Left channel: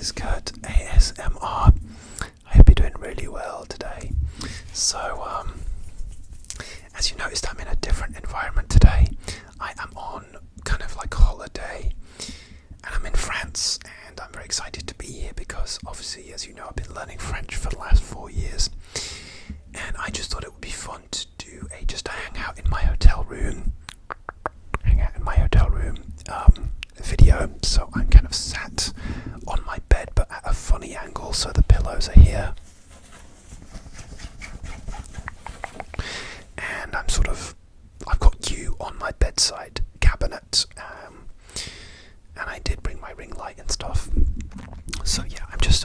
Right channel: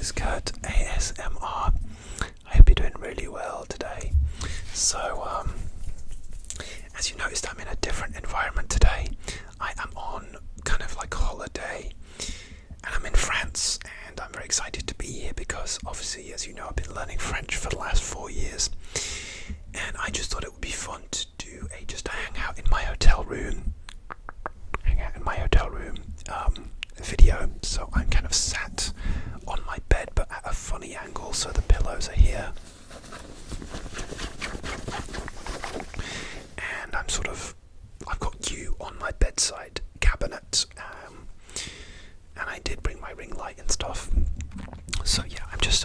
is Kurt ASMR. I hope you're doing really well today. So, as you noticed, I'm in a different environment today. I am on kind of like holiday, and I'm in France, and I'm very excited to be here because obviously, as you know, I've been learning French for the last 4 years, and I just thought it would be fun to do just a hangout in my hotel room. Video. So I'm kind of sat on my bed but at a funny angle, so the pillows are here, and I've got you on my bedside cabinet, and I did bring my ring light and stuff. So yeah, I'm just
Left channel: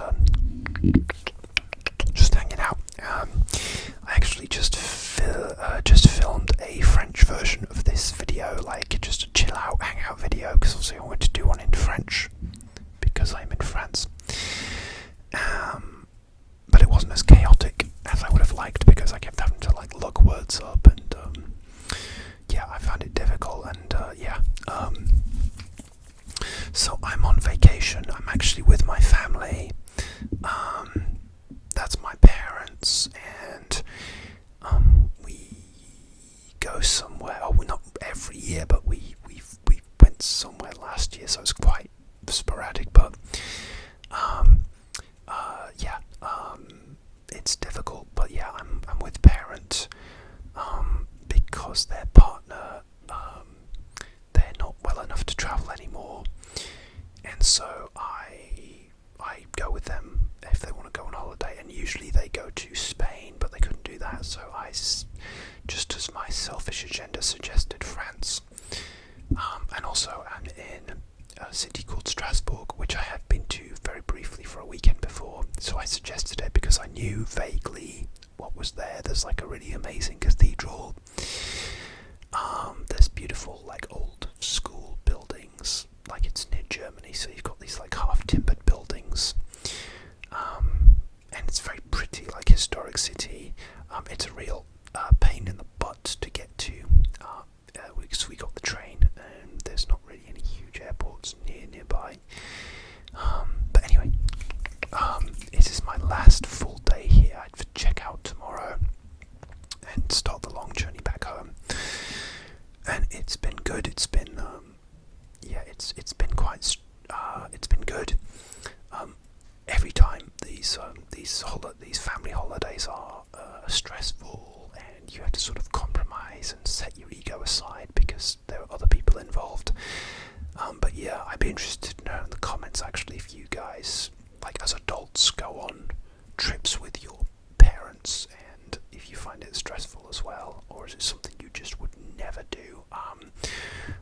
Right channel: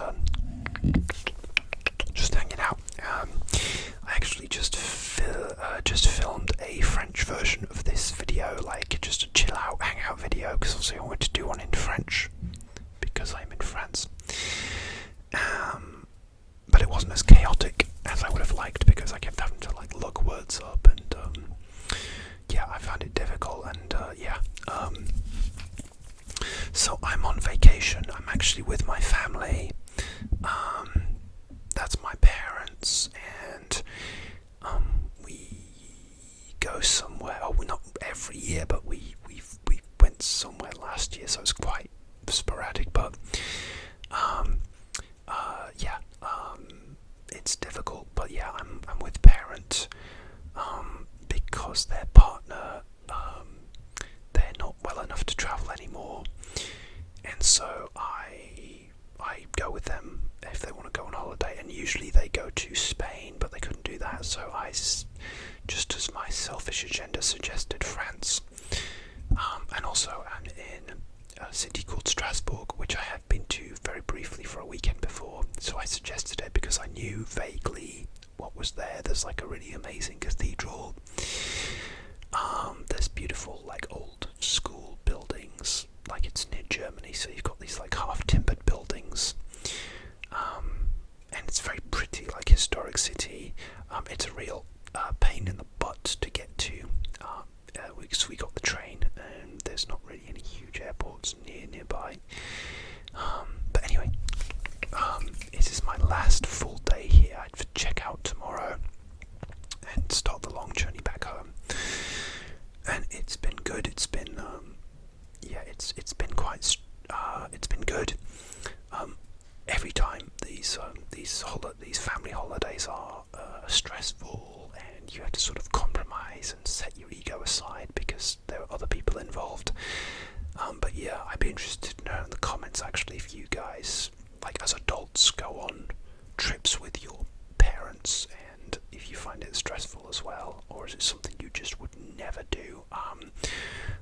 hanging out. I actually just filmed a French version of this video, like just a chill out, hangout video, because obviously I wanted to do one in French because I'm in France. But it wasn't as chaotic as I would have liked because I kept having to like look words up, and yeah, I found it difficult, and so I'm on vacation. I'm actually with my family. That's my parents, and we go somewhere. Oh, not every year, but we went somewhere last year, so it's quite sporadic. But it's difficult. But yeah, I'm with parents because their partner, they're not well enough to travel anymore, and so I go with them if they want to go on holiday, and usually they go to Spain, but they couldn't do that, so I, just as my selfish agenda suggested, France. And also I'm in a city called Strasbourg, which I have been to very briefly for a weekend before, so I suggested it because I knew vaguely what was there. There's like a really amazing cathedral. There's beautiful like old school buildings, like it's near Germany, so you've got these like half timbered buildings, and it's very pretty, like historic city. It's a real pain in the butt to get to. We got the train, and there's not really any huge airports nearby. But anyway, it is my last full day here. I check out tomorrow and start the long journey back home. And it's been good. It's been it's been quite it's been good. Every time these family holidays are stressful, and you have to sort of compromise and set your ego aside because there are other people involved. But yeah, I'd be interested to know in the comments actually if you guys, like as adults, go on trips with your parents, and if you find it stressful as well, or is it something you just would never do?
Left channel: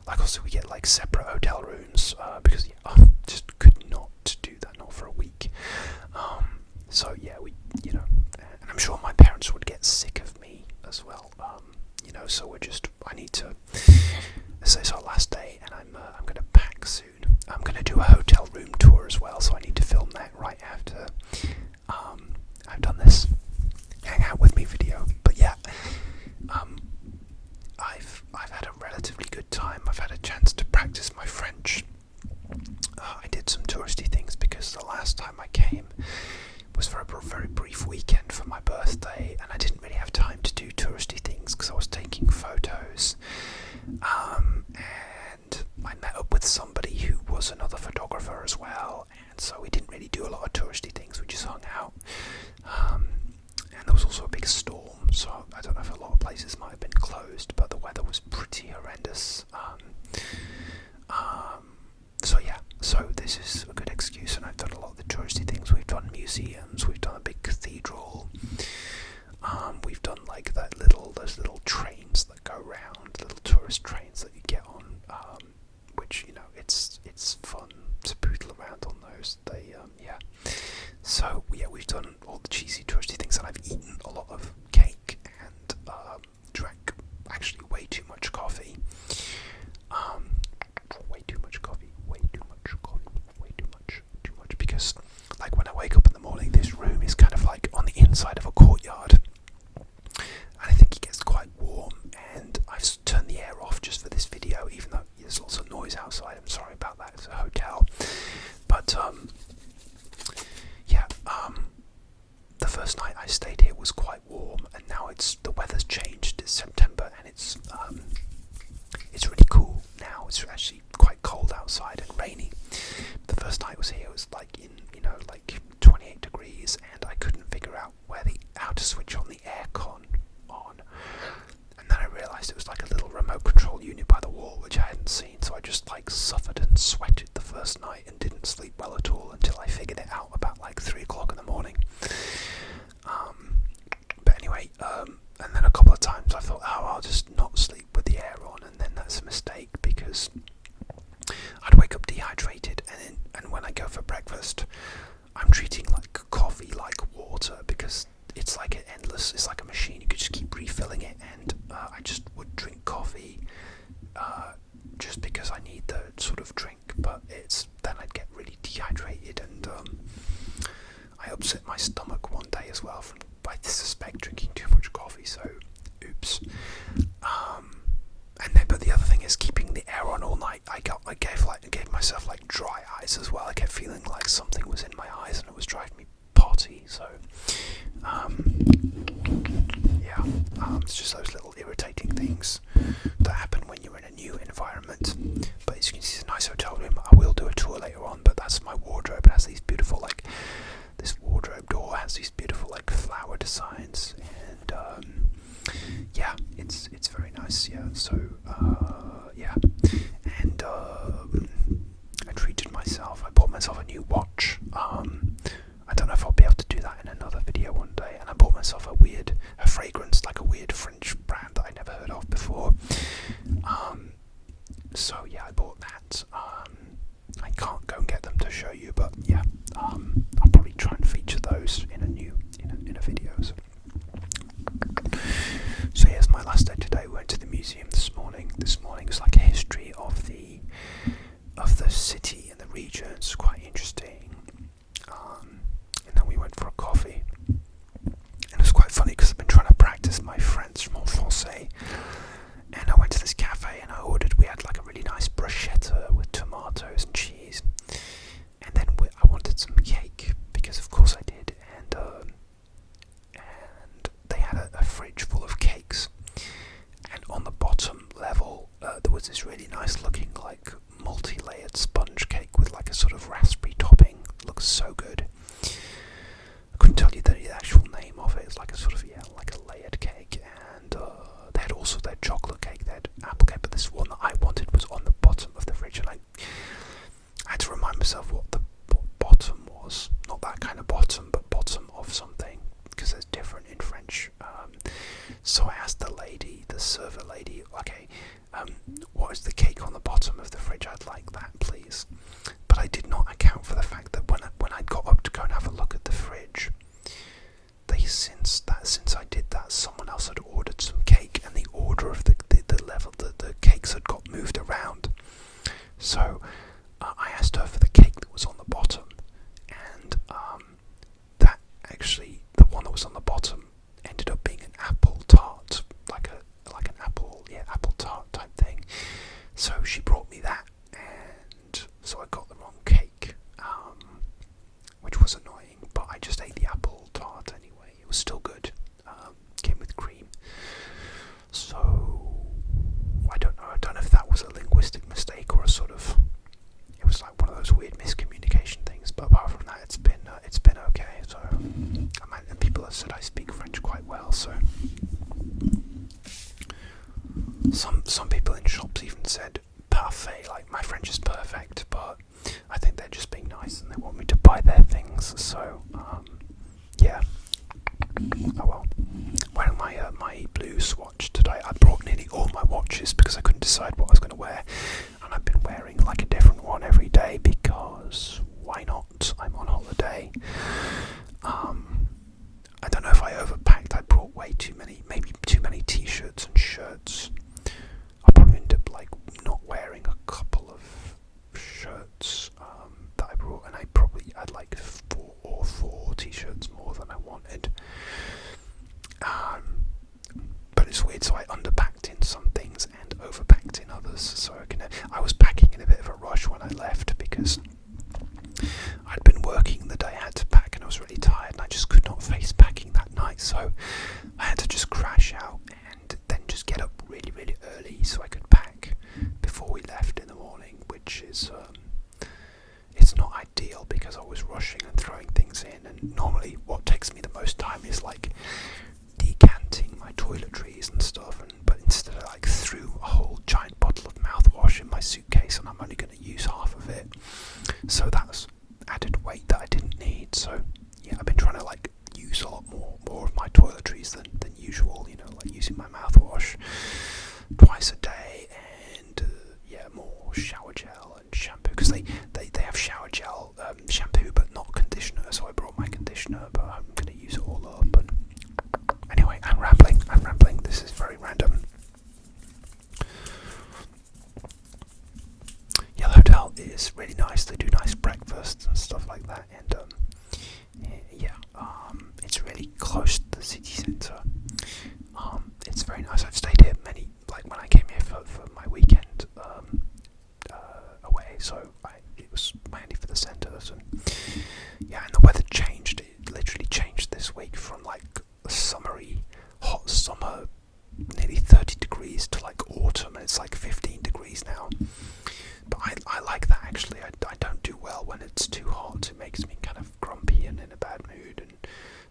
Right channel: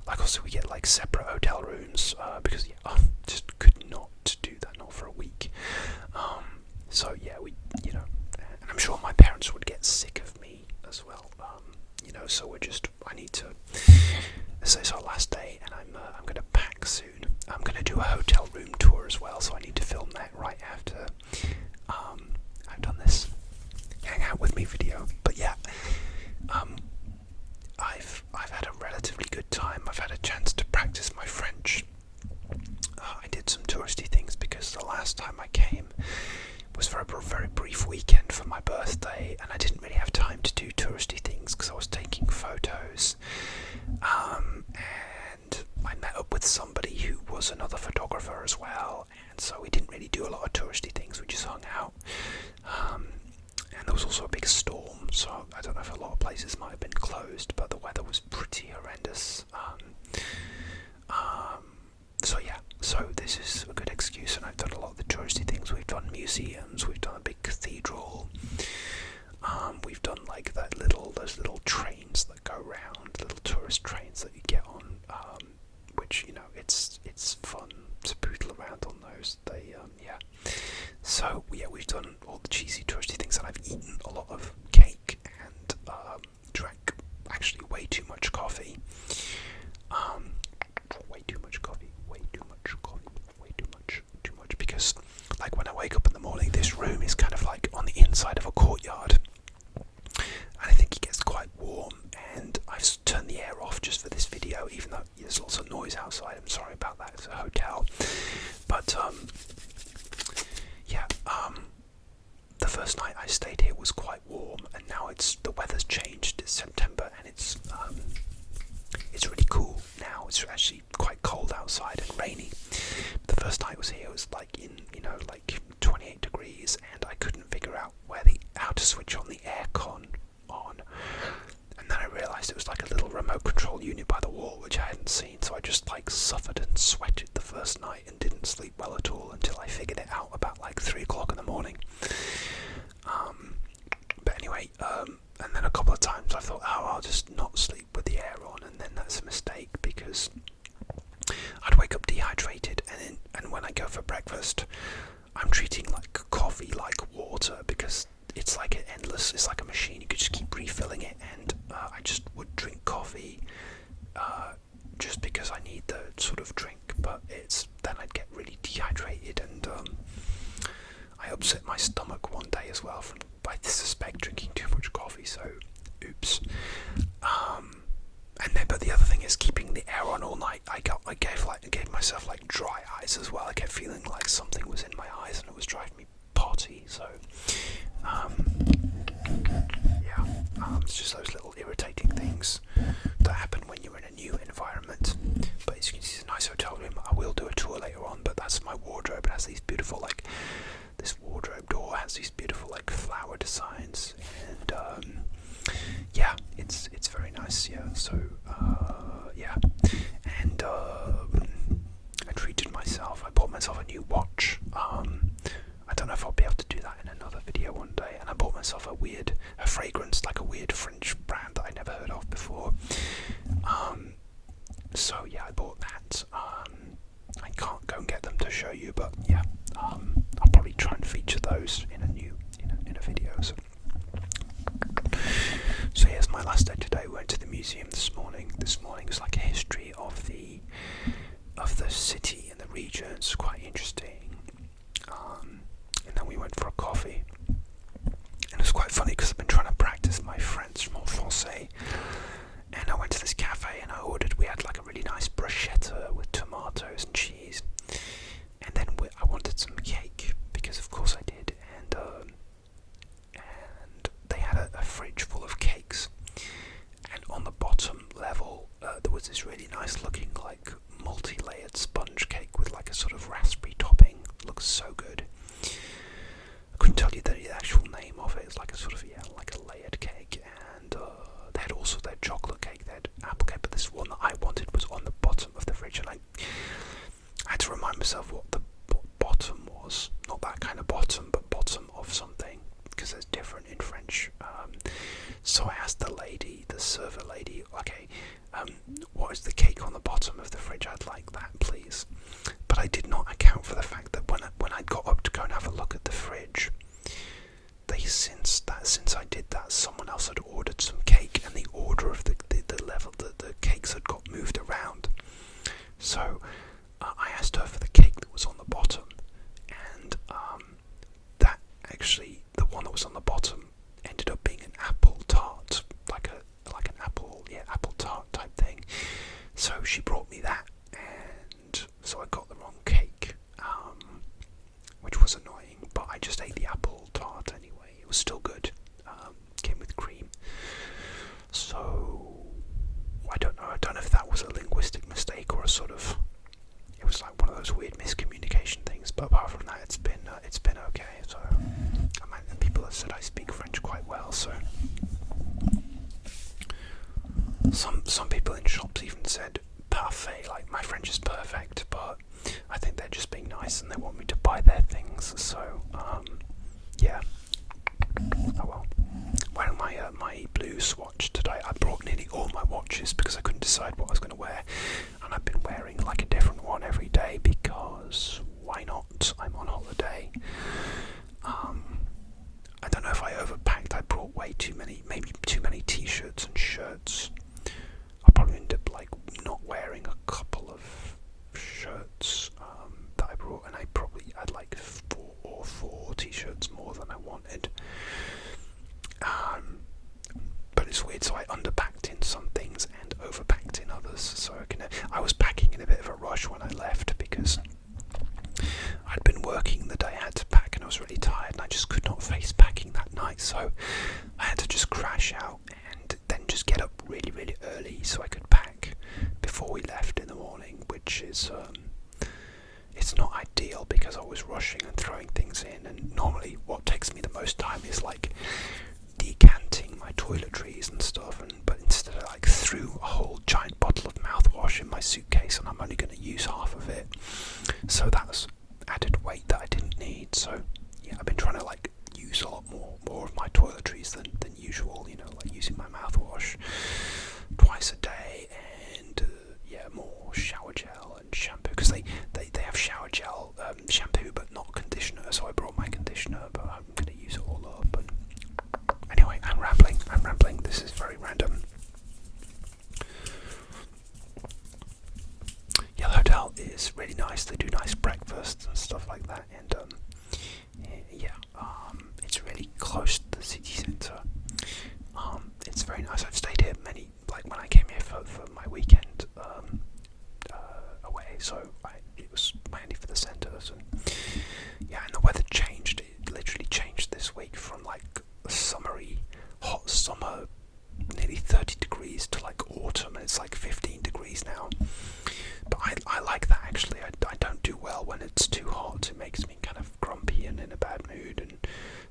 Like also we get like separate hotel rooms because I just could not do that, not for a week. So yeah, and I'm sure my parents would get sick of me as well. So I need to. So it's our last day, and I'm going to pack soon. I'm going to do a hotel room tour as well, so I need to film that right after I've done this hang out with me video. But yeah, I've had a relatively good time. I've had a chance to practice my French. I did some touristy things because the last time I came was for a very brief weekend for my birthday, and I didn't really have time to do touristy things because I was taking photos. And I met up with somebody who was another photographer as well, and so we didn't really do a lot of touristy things. We just hung out. And there was also a big storm, so I don't know if a lot of places might have been closed, but the weather was pretty horrendous. So yeah, so this is a good excuse, and I've done a lot of the touristy things. We've done museums, we've done a big cathedral, we've done like those little trains that go round, little tourist trains that you get on, which it's fun to poodle around on those. So yeah, we've done all the cheesy touristy things, and I've eaten a lot of cake and drank actually way too much coffee. Too much, because like when I wake up in the morning, this room is kind of like on the inside of a courtyard, and I think it gets quite warm, and I've turned the air off just for this video, even though there's lots of noise outside. I'm sorry about that, it's a hotel. But first night I stayed here was quite warm, and now the weather's changed. It's September, and it's really cool now. It's actually quite cold outside and rainy. The first night I was here, it was like in, like 28 degrees, and I couldn't figure out how to switch on the aircon on. And then I realised it was like a little remote control unit by the wall, which I hadn't seen, so I just like suffered and sweated the first night and didn't sleep well at all until I figured it out about like 3 o'clock in the morning. But anyway, and then a couple of times I thought, I'll just not sleep with the air on, and then that's a mistake, because I'd wake up dehydrated, and when I go for breakfast, I'm treating like coffee like water, because it's like it's like a machine. You could just keep refilling it, and I just would drink coffee just because I need the sort of drink, but then I'd get really dehydrated, and I upset my stomach one day as well I suspect drinking too much coffee, so oops. But the other thing is keeping the air on all night. I gave myself like dry eyes as well. I kept feeling like something was in my eyes and it was driving me potty. So it's just those little irritating things that happen when you're in a new environment. But as you can see, it's a nice hotel room. I will do a tour later on, but that's my wardrobe. It has these beautiful this wardrobe door has these beautiful flower designs, and it's very nice. So and I treated myself. I bought myself a new watch. I don't know if I'll be able to do that in another video one day. And I bought myself a fragrance, like a weird French brand that I never heard of before. So I bought that. I can't go and get them to show you, but I'll probably try and feature those in a video. So here's my last day today. We went to the museum this morning. This morning was like a history of the city and the region. It's quite interesting. And then we went for a coffee. And it's quite funny because I've been trying to practice my French, mon français. And I went to this cafe and we had like a really nice bruschetta with tomatoes and cheese. And then I wanted some cake, because of course I did. And they had a fridge full of cakes. And on the bottom level, there was this really nice looking like multi-layered sponge cake with like a sort of raspberry topping. It looks so good. I couldn't tell you the actual name of it. It's like a sort of like a layered cake. And they had also their chocolate cake, they had apple cake, but this one that I wanted was on the bottom of the fridge, and I had to remind myself what bottom was. Not that kind of bottom, but bottom of something, because there's different in French. So I asked the server lady, okay, what is the cake on the bottom of the fridge? I'd like that, please. But I did not account for the fact that when I got up to go and have a look at the fridge, since I did that, someone else had ordered some cake, and the order of the level that the cakes had got moved around. So I asked her for the cake that was on the bottom, and that actually, the one that was on the bottom ended up being an apple tart, like an apple tart type thing. So she brought me that, and so I got the wrong cake, which was annoying, but I just ate the apple tart anyway. It was still good. Came with cream. So I don't know if that was a linguistic mistake or it was like one of those weird miscommunication things. But apart from that, it's been okay. So and people have said I speak French quite well. So some people in shops even said parfait, like my French is perfect, but I think they're just being nice and they want me to buy their things. So oh well. Wearing my blue swatch today. I brought nearly all my watches because I couldn't decide what I was going to wear, and I've been wearing like a different one every day because why not? I'm on holiday. I don't know if I overpacked. I brought way too many, maybe too many t-shirts and shirts. I'll probably end up like not wearing a couple of shirts that I brought, and I probably had like four t-shirts more than I wanted. But it's weird, so I underpacked in some things and overpacked in others. So it's not ideal because I was rushing and throwing things in, and normally what takes me the most time is like decanting my toiletries and stuff, but instead I like threw a whole giant bottle of mouthwash in my suitcase, and I'm only going to use half of it, so that's added weight that I didn't need. So yeah, I've been trying to like use a lot more of my toiletries than usual, like using my mouthwash twice a day, and more shower gel and shampoo, because they have shower gel shampoo but not conditioner, so I brought my conditioner, but I'm going to use it all up. And anyway, I'm rambling, this is very random. Yeah, the hotel is really nice, they do nice breakfasts and stuff like that, and it's really close to the city centre. It's very nice. I've stayed here like when I came here for my weekend away, so it was mainly for the centres, and the weather changed. It literally changed this week from like a summery, hot summer, nearly 30 degrees to like autumn, and it's like 15 degrees now. But I like that actually. I don't do well when it's too hot. It makes me kind of grumpy and in a bad mood and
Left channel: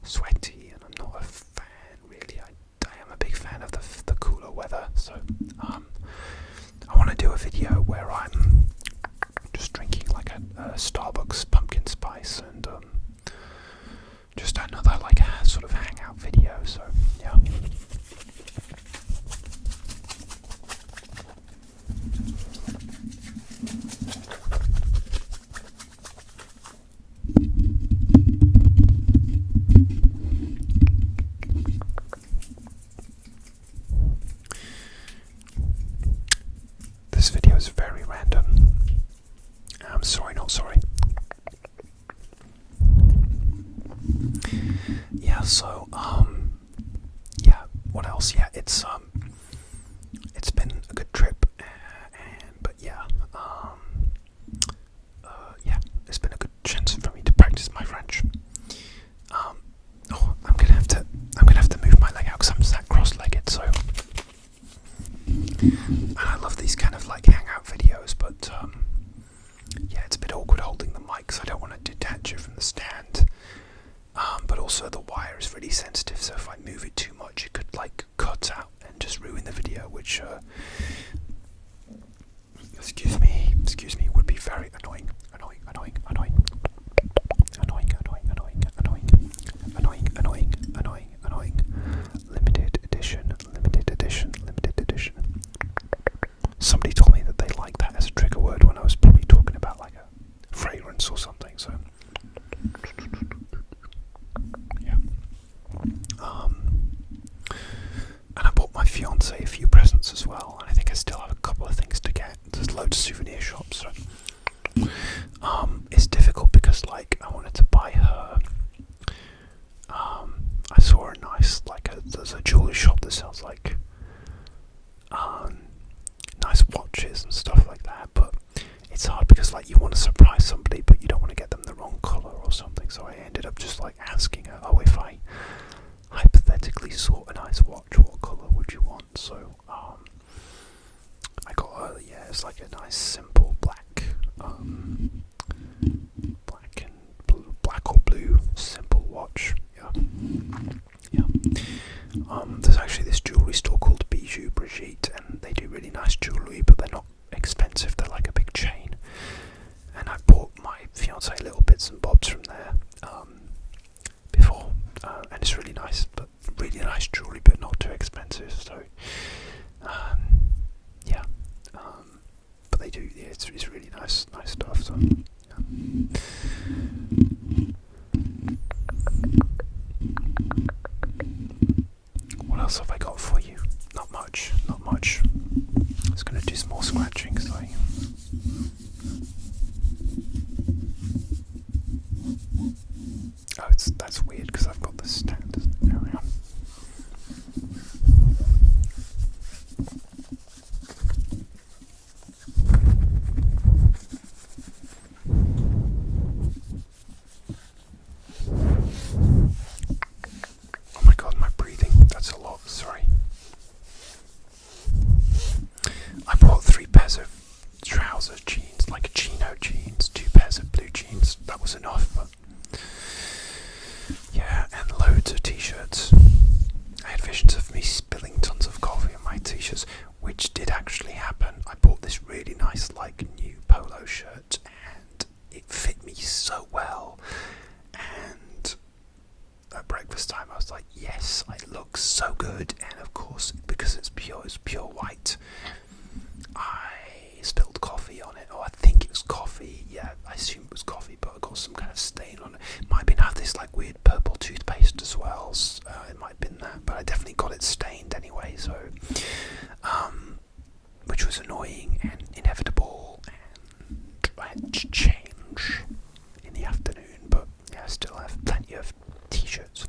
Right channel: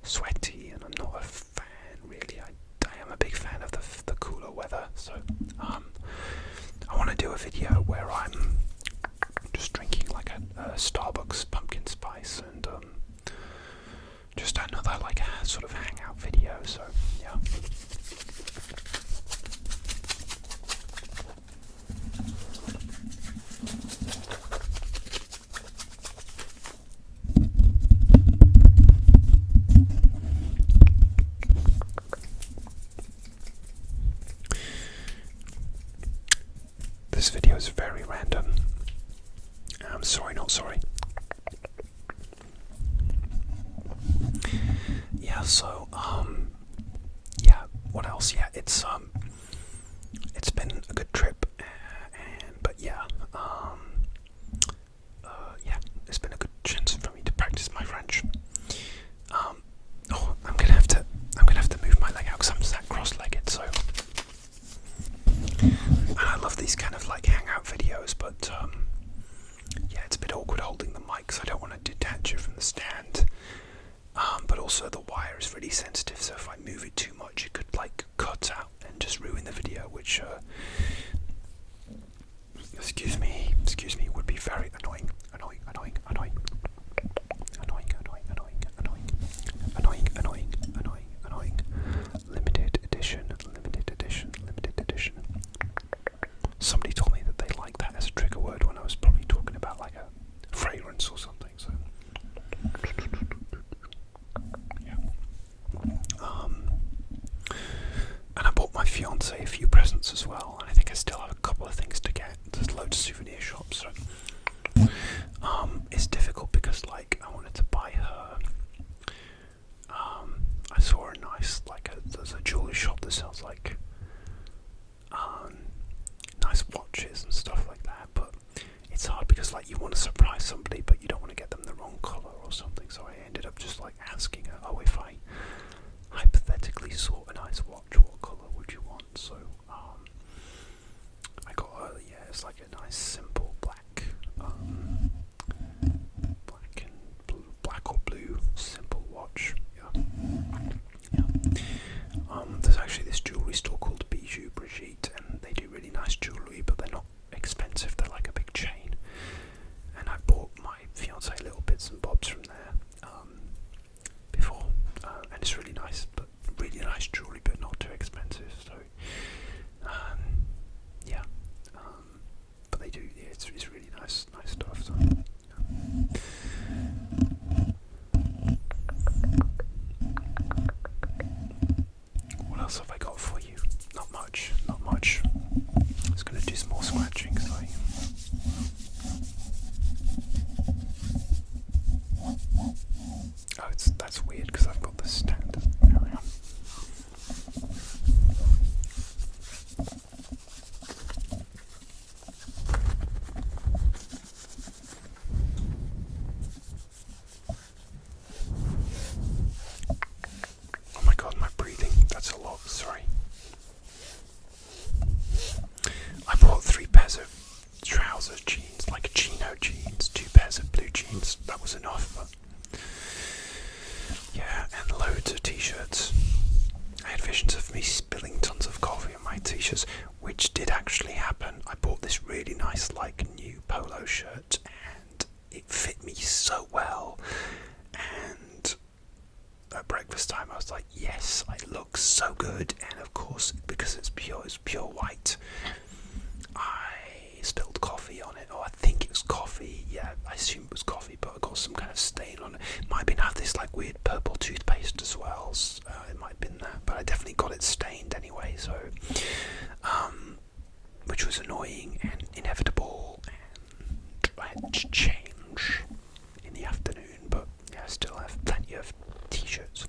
sweaty, and I'm not a fan really. I am a big fan of the cooler weather, so I want to do a video where I'm just drinking like a Starbucks pumpkin spice, and just another like a sort of hangout video, so yeah. This video is very random. I'm sorry, not sorry. Yeah, so what else? Yeah, it's been a good trip, it's been a good chance for me to practice my French. I'm gonna have to move my leg out because I'm sat cross-legged, so. And I love these kind of like hangout videos, but it's a bit awkward holding the mic because I don't want to detach it from the stand. But also the wire is really sensitive, so if I move it too much, it could like cut out and just ruin the video, which excuse me, would be very annoying. Limited edition. Somebody told me that they liked that as a trigger word when I was probably talking about like a fragrance or something, so yeah. And I bought my fiance a few presents as well, and I think I still have a couple of things to get. There's loads of souvenir shops, so it's difficult because like I wanted to buy her. I saw a nice there's a jewelry shop that sells like nice watches and stuff like that, but it's hard because like you want to surprise somebody but you don't want to get them the wrong colour or something, so I ended up just like asking her, if I hypothetically saw a nice watch, what colour would you want? So I got her, it's like a nice simple black or blue simple watch. There's actually this jewellery store called Bijou Brigitte, and they do really nice jewellery, but they're not expensive, they're like a big chain, and I bought my fiance little bits and bobs from there before, and it's really nice jewellery, but not too expensive, so but they do, it's really nice stuff, so What else have I got for you? Not much. I'm just going to do some more scratching. That's weird because I've got this stand. There we are. Oh my god, my breathing. That's a lot. Sorry. I bought 3 pairs of trousers, jeans, like jeans good, and of course, because it's pure white, I spilled coffee on it, or I think it was coffee. Yeah, I assume it was coffee, but I got some kind of stain on it. Might have been had this like weird purple toothpaste as well. It might have been that, but I definitely got it stained anyway. So, which was annoying and inevitable, and I had to change in the afternoon. But yeah, I still have plenty of t-shirts.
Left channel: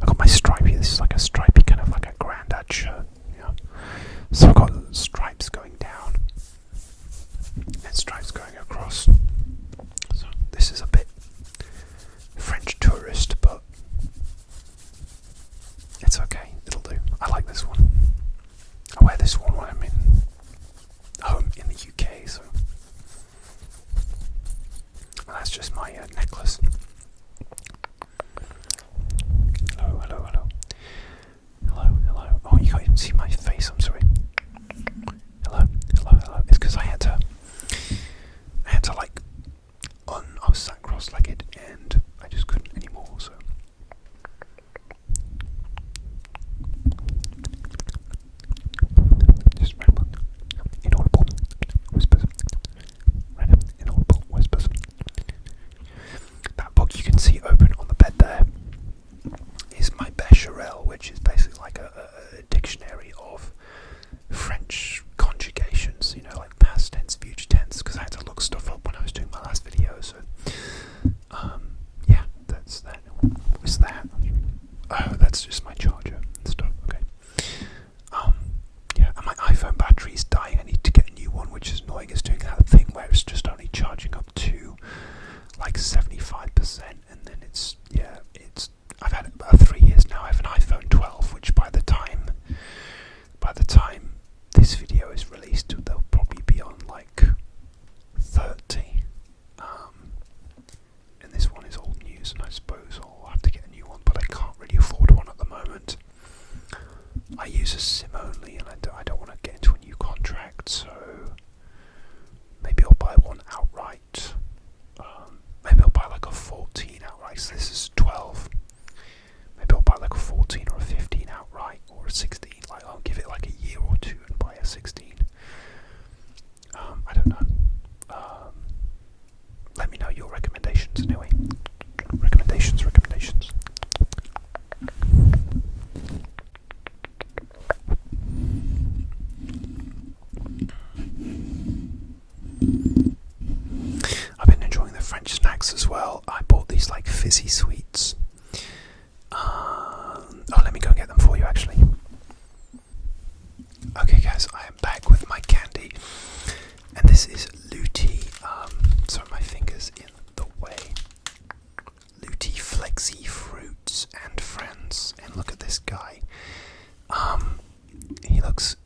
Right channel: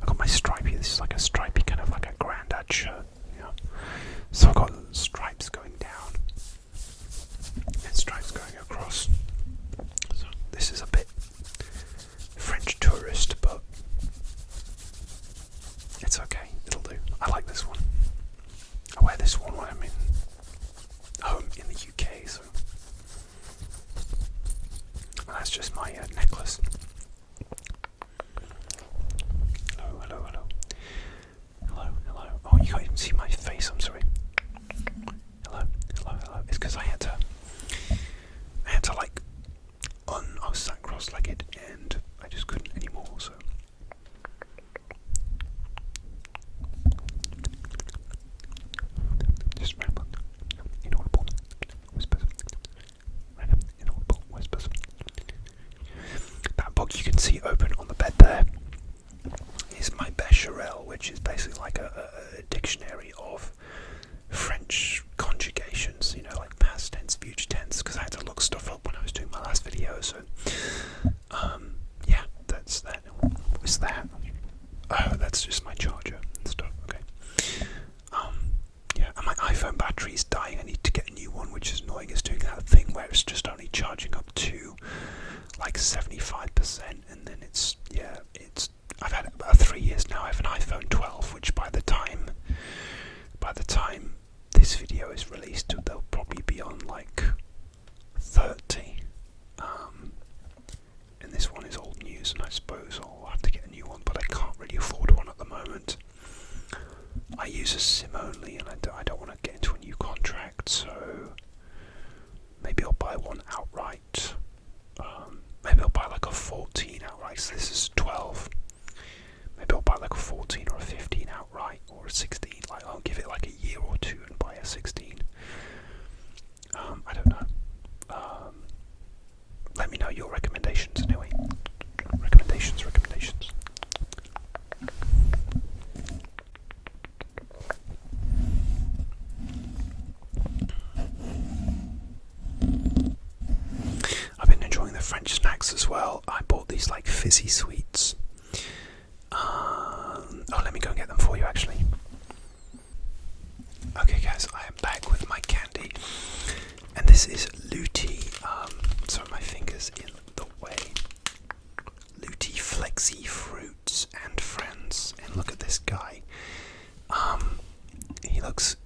I got my stripey. This is like a stripey kind of like a granddad shirt. Yeah. So I've got stripes going down and stripes going across. So this is a bit French tourist, but it's okay. It'll do. I like this one. I wear this one when I'm home in the UK. So and that's just my necklace. Hello. Oh, you can't even see my face, I'm sorry. Hello. It's because I had to like, I was sat cross-legged and I just couldn't anymore, so. Just ramble. Inaudible whispers. Random inaudible whispers. That book you can see open on the bed there is my Becherel, which is basically like a dictionary of French conjugations, like past tense, future tense, because I had to look stuff up when I was doing my last video, so yeah, that's that. What's that? Oh, that's just my charger and stuff, okay. Yeah, and my iPhone battery's dying. I need to get a new one, which is annoying. It's doing that thing where it's just only charging up to like 75%, and then I've had it about 3 years now. I have an iPhone 12, which by the time this video is released, they'll probably be on like 30. And this one is old news, and I suppose I'll have to get a new one, but I can't really afford one at the moment. I use a SIM only, and I don't want to get into a new contract, so maybe I'll buy one outright. Maybe I'll buy like a 14 outright, so this is 12. Maybe I'll buy like a 14 or a 15 outright, or a 16. Like, I'll give it like a year or two and buy a 16. I don't know. Let me know your recommendations anyway. Recommendations. I've been enjoying the French snacks as well. I bought these like fizzy sweets. Let me go and get them for you actually. Okay guys, I am back with my candy, and this is Luti. Sorry, my finger's in the way. Luti Flexi Fruits and Friends, and look at this guy.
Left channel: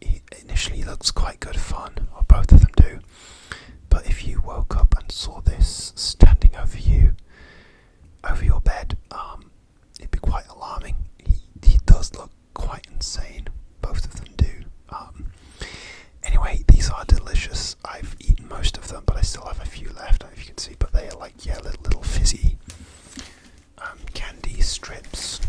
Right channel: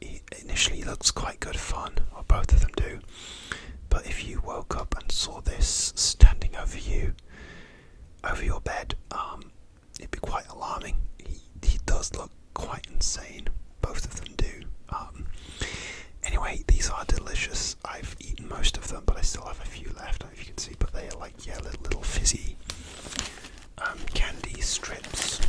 He initially looks quite good fun, or both of them do. But if you woke up and saw this standing over your bed, it'd be quite alarming. He does look quite insane. Both of them do. Anyway, these are delicious. I've eaten most of them, but I still have a few left. I don't know if you can see, but they are like little fizzy candy strips.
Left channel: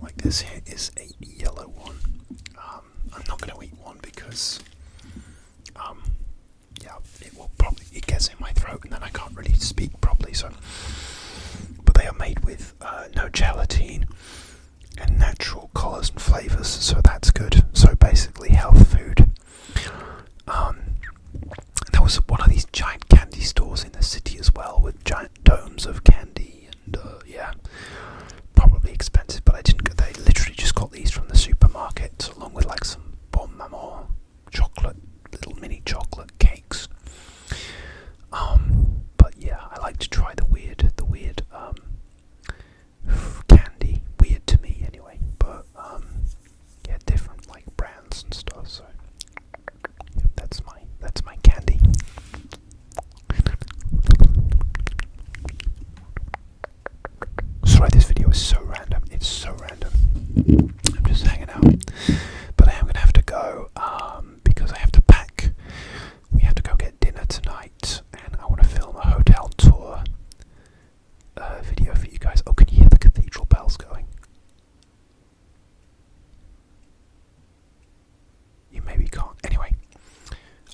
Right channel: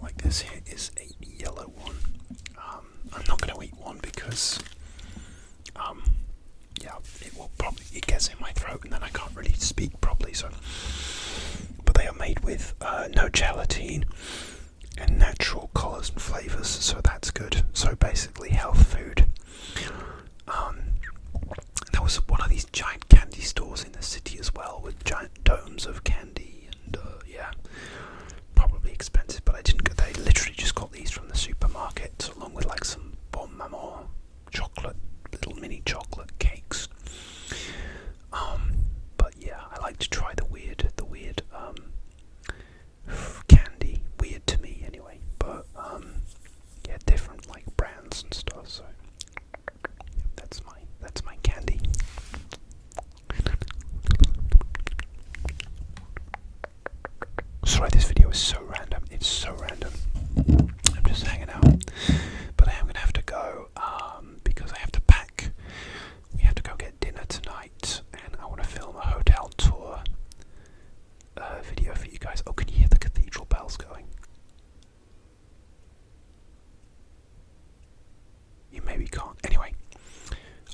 Like this here is a yellow one. I'm not going to eat one because it gets in my throat and then I can't really speak properly. So, but they are made with no gelatin and natural colours and flavours, so that's good. So basically health food. There was one of these giant candy stores in the city as well, with giant domes of candy, and probably expensive, but I didn't go. They literally just got these from the supermarket, along with like some Bon Maman chocolate, little mini chocolate cakes. But yeah, I like to try the weird candy. Weird to me anyway, but yeah, different like brands and stuff. So yep, that's my candy. Sorry, this video is so random. It's so random. I'm just hanging out, but I am gonna have to go because I have to pack. We can't. Anyway,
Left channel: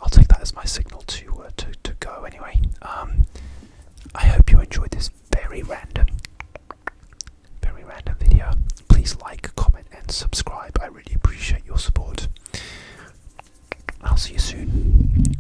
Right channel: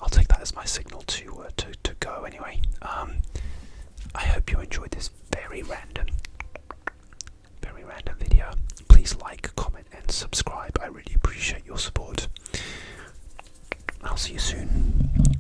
I'll take that as my signal to go. Anyway, I hope you enjoyed this very random video. Please like, comment, and subscribe. I really appreciate your support. I'll see you soon.